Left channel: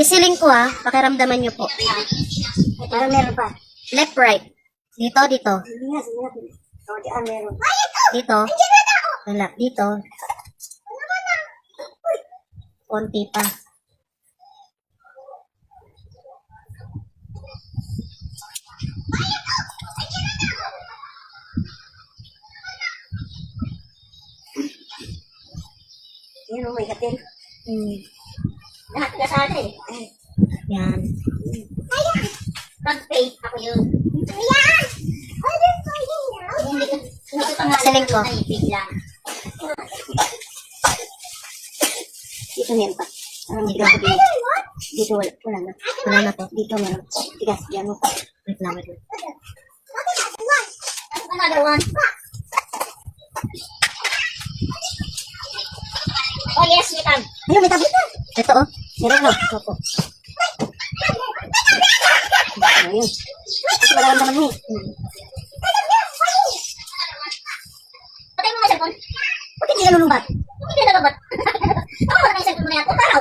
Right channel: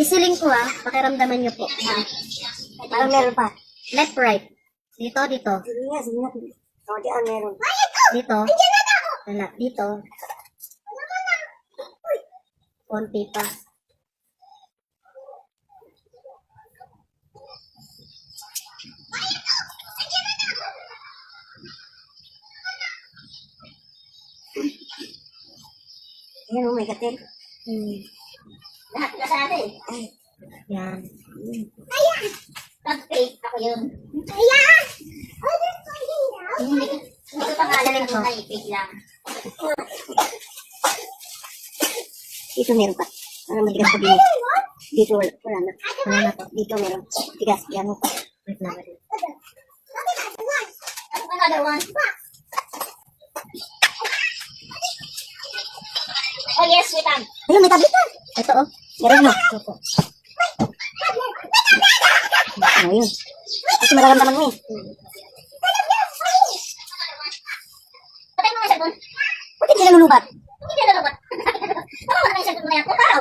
Isiling ko ha. Pakiramdaman niyo po. Para meron pa. Left, right. Dito, dito. Sige nga, sige nga. O, diyan meron. Dito. Wala. Dito. Konti pa. Yan, may katil. Nasa atin. Yan. Pag-pay, ako yun. Hindi ko pangalan ko. Dito meron pa. Ano may bigas ko din. Dito wala na. Wala na po. Dito meron. Bigas, yan mo. Wait lang, wait lang. Another one. Oh yes, may tab. Ayun, may tablet na. Ito oh. Meron na. Opo. Ayun. Ito mararamdaman mo eh. Patay mo nga siya doon. Buti hindi nalulubat. Hindi nalulubat. Baka wala na yung cellphone mo na yan. O, paraw.